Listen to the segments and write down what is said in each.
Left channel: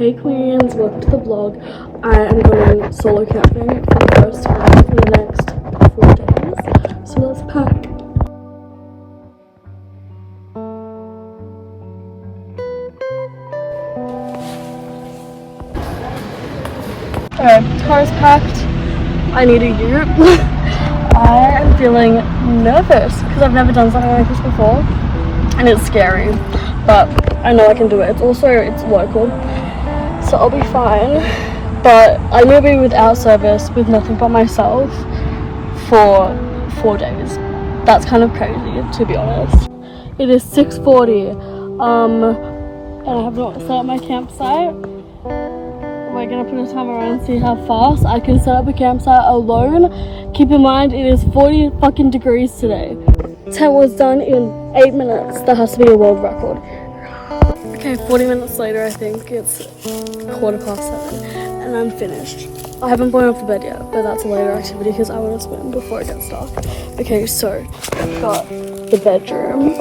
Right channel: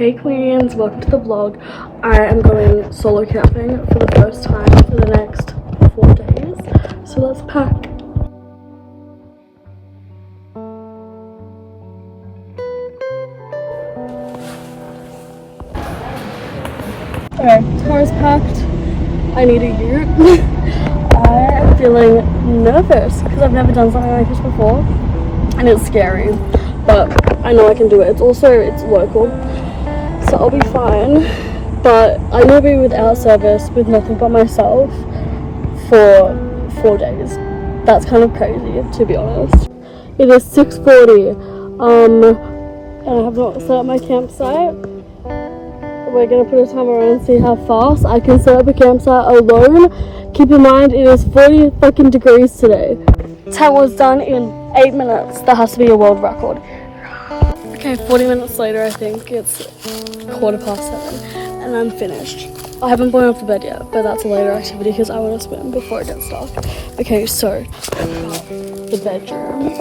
Hey queens, welcome to the vlog. I am going solo camping for the first time for the next 4 days. So let's pack. Okay, car's packed. I need a ute. I am feeling nervous because I've never done something like this before and it's scary, but I know I can do it. It's local, so I'll be fine. But I will be without service with nothing but myself for 4 days. That's kind of crazy, to be honest. It is 6:40 and I have not set up my campsite. We're gonna put a timer on and see how fast I can set up a campsite alone. Keep in mind it is 40 fucking degrees today. Tent was done in 8 minutes. That has to be a world record. Okay, 40 minutes later, I think it's 7:15 and I'm finished. I haven't blown off the bed yet, but that's a later activity because I want to swim before it gets dark. Okay, so I've got the bedroom,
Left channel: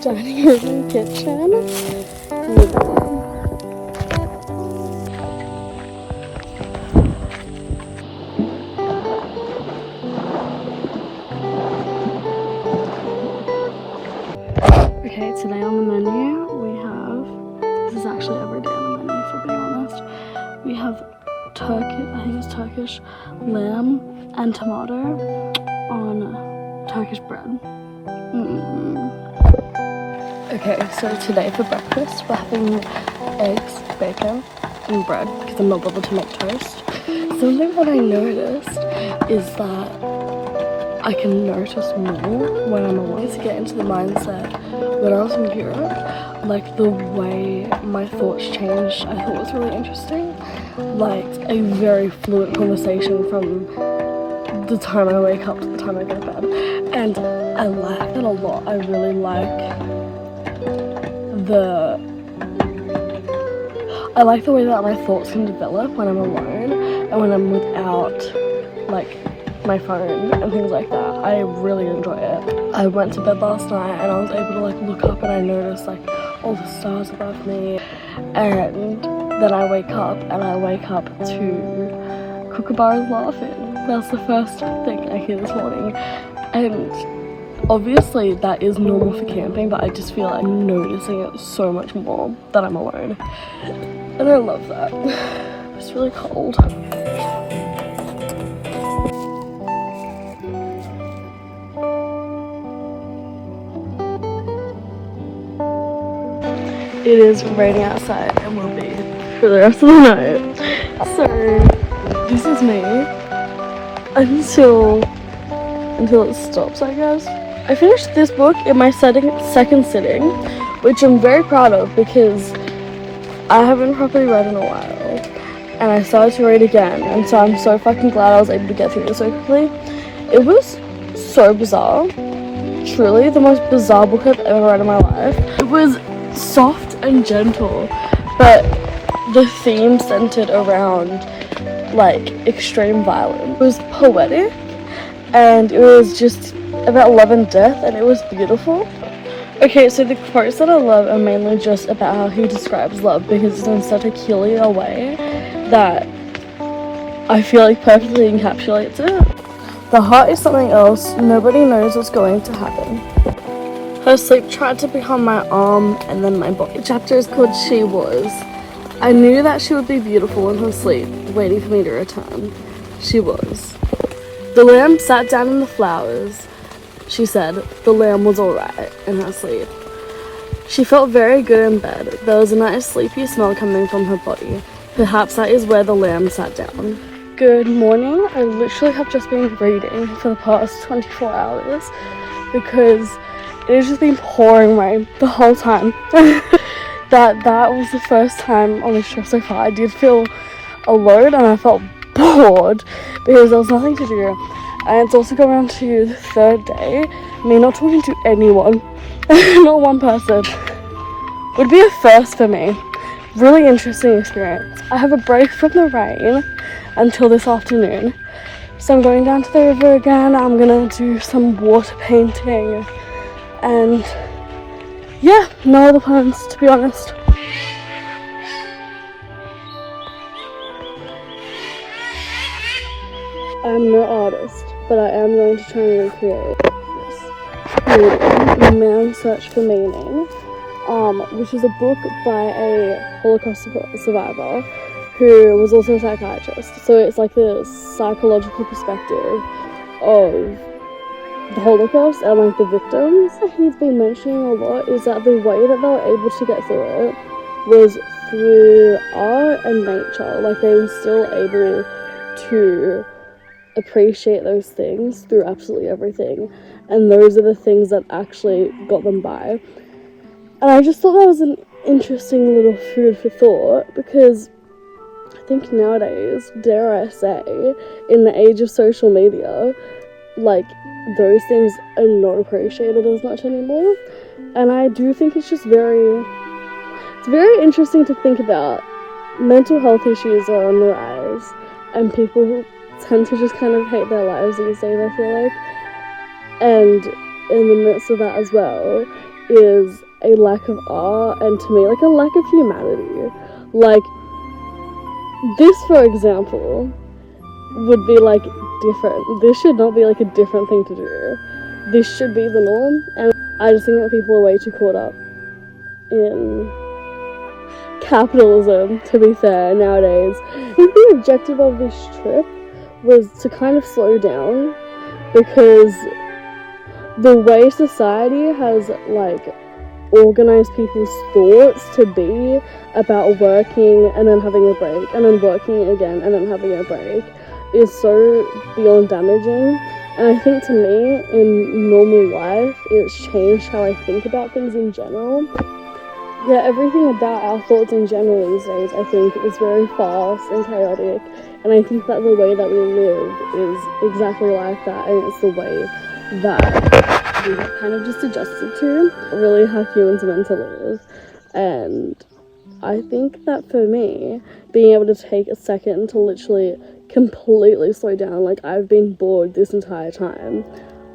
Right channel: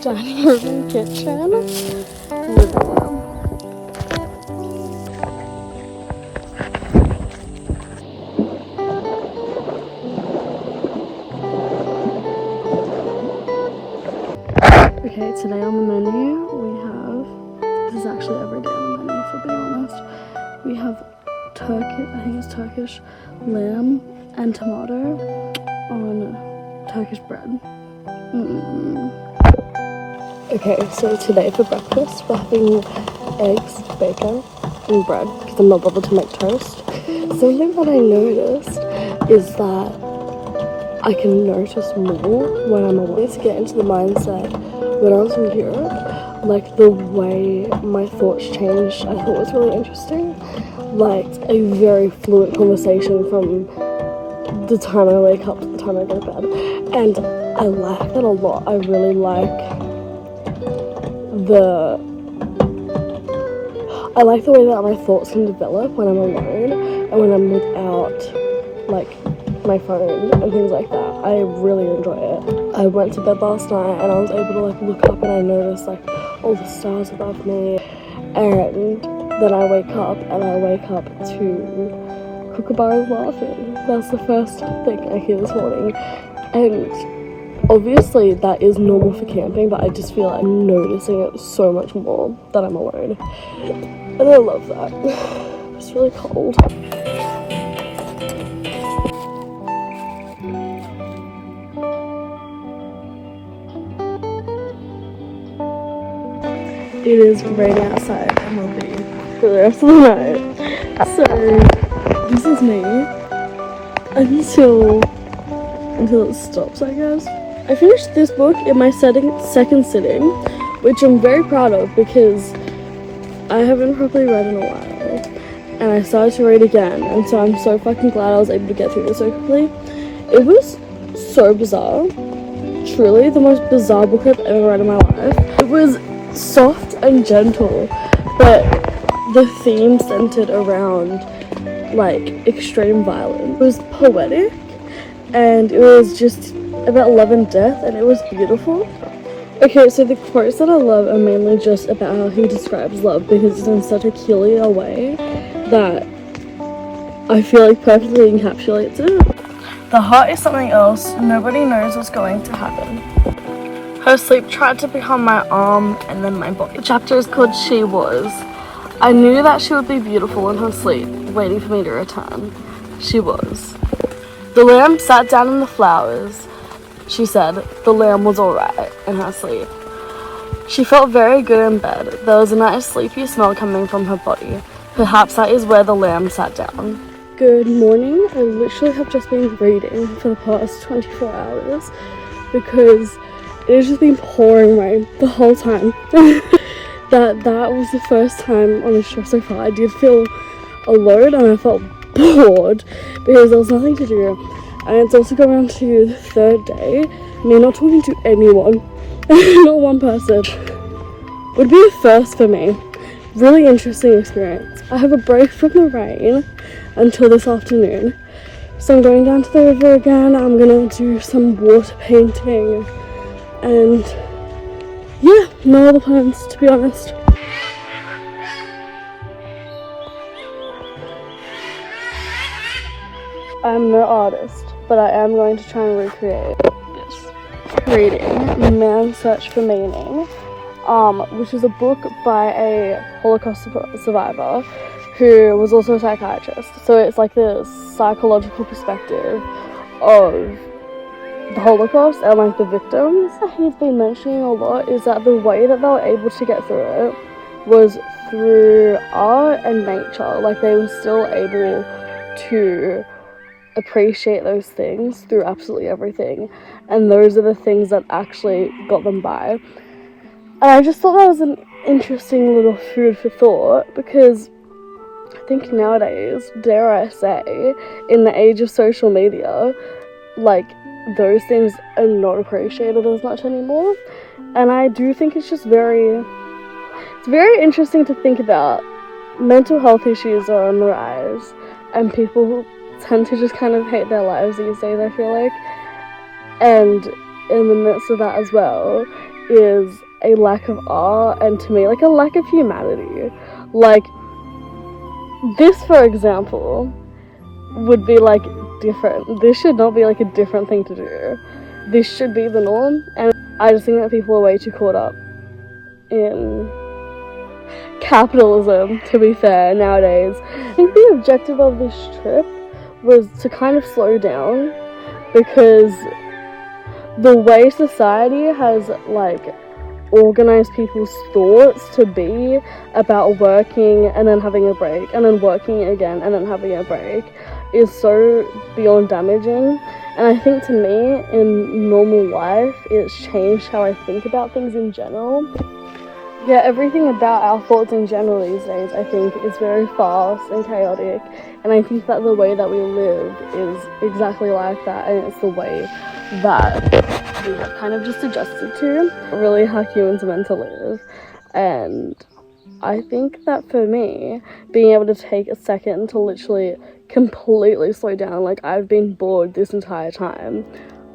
dining room, kitchen, living room. Okay, today on the menu we have, this is actually every day on the menu for being honest, we have Turkish lamb and tomato on Turkish bread. Okay, so today for breakfast we're having eggs, bacon and bread because I'm not bothered to make toast. Something that I noticed is that I can notice more when I'm alone to get into the mindset. When I was in Europe, like the way my thoughts changed, I thought was really interesting. Like a very fluid conversation from the time I wake up to the time I go to bed. And I like that a lot. I really like the way that my thoughts can develop when I'm alone and when I'm without like my phone and things like that. I really enjoy it. I went to bed last night and I was able to like look up and I noticed like all the stars above me, and then I wake up to kookaburras laughing. That's the first thing I hear this morning, and obviously that is normal for camping, but I just feel like I'm noticing it so much more that I'm alone, and I love that. It's really cold. It is raining outside and will be for the rest of the night. So this is me until it stops, I guess. I finished this book in my second sitting, which I'm very proud of because I haven't properly read in a while. And I started to read again, and so I'm so fucking glad I was able to get through it so quickly. It was so bizarre. Truly the most bizarre book I've ever read in my life. It was soft and gentle, but the theme centered around like extreme violence. It was poetic and it was just about love and death, and it was beautiful. Okay, so the quotes that I love are mainly just about how he describes love because it's in such a peculiar way that I feel like perfectly encapsulates it. The heart is something else. Nobody knows what's going to happen. Her sleep tried to become my arm and then my body. The chapter is called She Was. I knew that she would be beautiful in her sleep, waiting for me to return. She was. The lamb sat down in the flowers. She said the lamb was alright in her sleep. She felt very good in bed. There was a nice sleepy smell coming from her body. Perhaps that is where the lamb sat down. Good morning. I literally have just been reading for the past 24 hours because it has just been pouring rain the whole time. that was the first time on this trip so far I did feel alone and I felt bored because there was nothing to do. And it's also going on to the 3rd day, me not talking to anyone, not one person. Would be a first for me. Really interesting experience. I have a break from the rain until this afternoon, so I'm going down to the river again. I'm gonna do some water painting. And yeah, no other plans, to be honest. I'm no artist, but I am going to try and recreate this. Reading Man's Search for Meaning, which is a book by a Holocaust survivor who was also a psychiatrist. So it's like the psychological perspective of the Holocaust and like the victims. He's been mentioning a lot is that the way that they were able to get through it was through art and nature. Like they were still able to appreciate those things through absolutely everything, and those are the things that actually got them by. And I just thought that was an interesting little food for thought, because I think nowadays, dare I say, in the age of social media, like those things are not appreciated as much anymore. And I do think it's very interesting to think about. Mental health issues are on the rise, and people tend to just kind of hate their lives these days, I feel like. And in the midst of that as well is a lack of art, and to me, like a lack of humanity. Like this, for example, would be like different. This should not be like a different thing to do. This should be the norm, and I just think that people are way too caught up in capitalism, to be fair, nowadays. I think the objective of this trip was to kind of slow down, because the way society has like organized people's thoughts to be about working and then having a break and then working again and then having a break is so beyond damaging. And I think to me, in normal life, it's changed how I think about things in general. Yeah, everything about our thoughts in general these days, I think, is very fast and chaotic. And I think that the way that we live is exactly like that, and it's the way that we have kind of just adjusted to really how humans are meant to live. And I think that for me, being able to take a second to literally completely slow down, like I've been bored this entire time,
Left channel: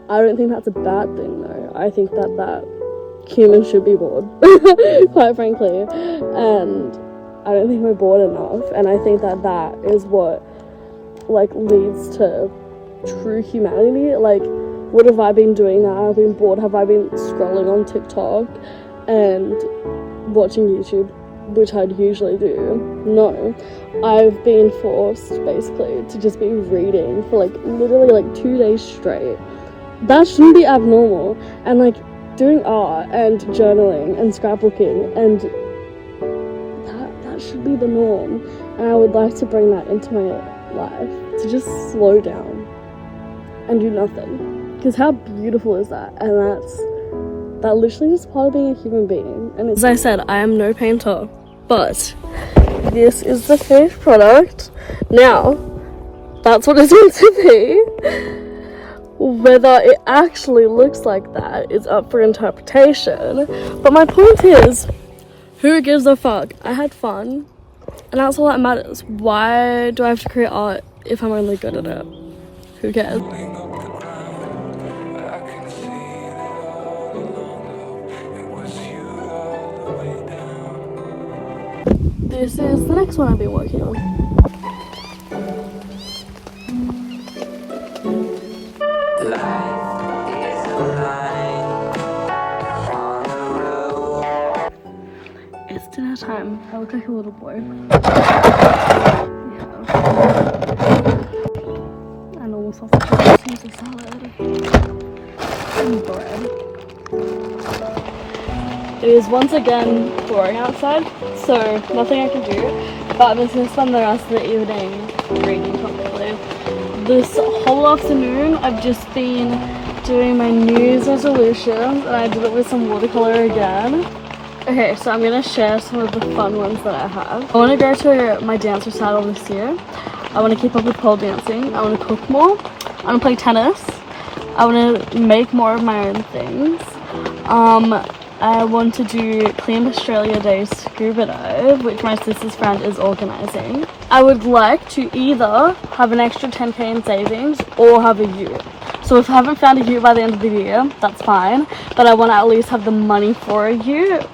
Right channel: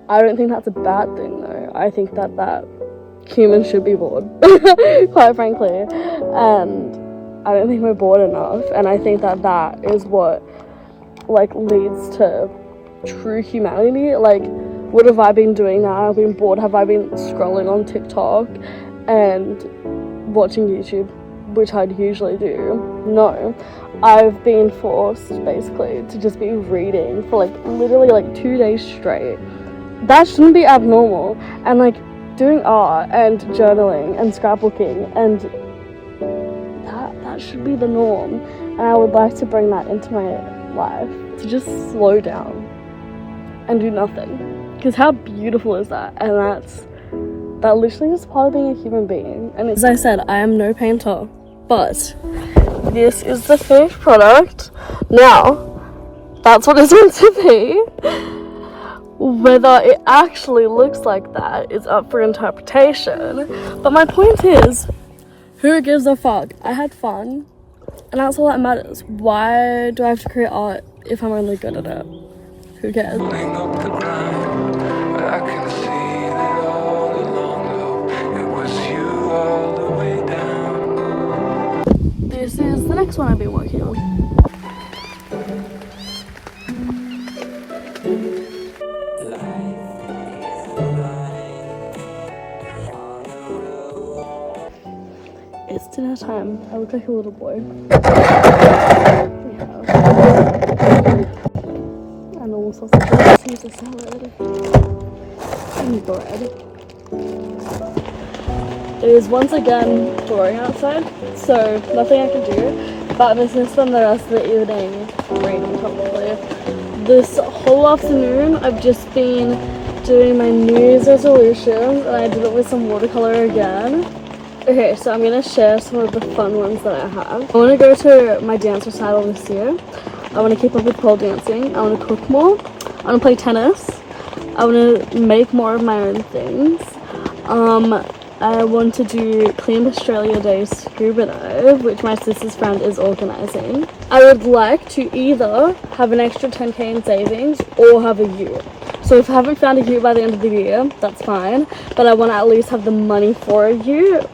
I don't think that's a bad thing though. I think that humans should be bored, quite frankly, and I don't think we're bored enough. And I think that is what like leads to true humanity. Like, what have I been doing now? I've been bored. Have I been scrolling on TikTok and watching YouTube, which I'd usually do? No. I've been forced basically to just be reading for like literally like 2 days straight. That shouldn't be abnormal. And like doing art and journaling and scrapbooking, and that should be the norm. And I would like to bring that into my life, to just slow down and do nothing. Because how beautiful is that? And that literally is part of being a human being. And as I said, I am no painter, but this is the finished product. Now, that's what it's meant to be. Whether it actually looks like that is up for interpretation. But my point is, who gives a fuck? I had fun, and that's all that matters. Why do I have to create art if I'm only good at it? Who cares? This is the next one I've been working on. It's dinner time. I look like a little boy. We have a normal sausage, Caesar salad, and bread. It is once again pouring outside, so nothing I can do, but I'm just going to spend the rest of the evening reading probably. This whole afternoon I've just been doing my New Year's resolutions, and I did it with some watercolor again. Okay, so I'm going to share some of the fun ones that I have. I want to go to my dance recital this year. I want to keep up with pole dancing. I want to cook more. I want to play tennis. I want to make more of my own things. I want to do Clean Australia Day scuba dive, which my sister's friend is organising. I would like to either have an extra 10k in savings or have a ute. So if I haven't found a ute by the end of the year, that's fine, but I want to at least have the money for a ute.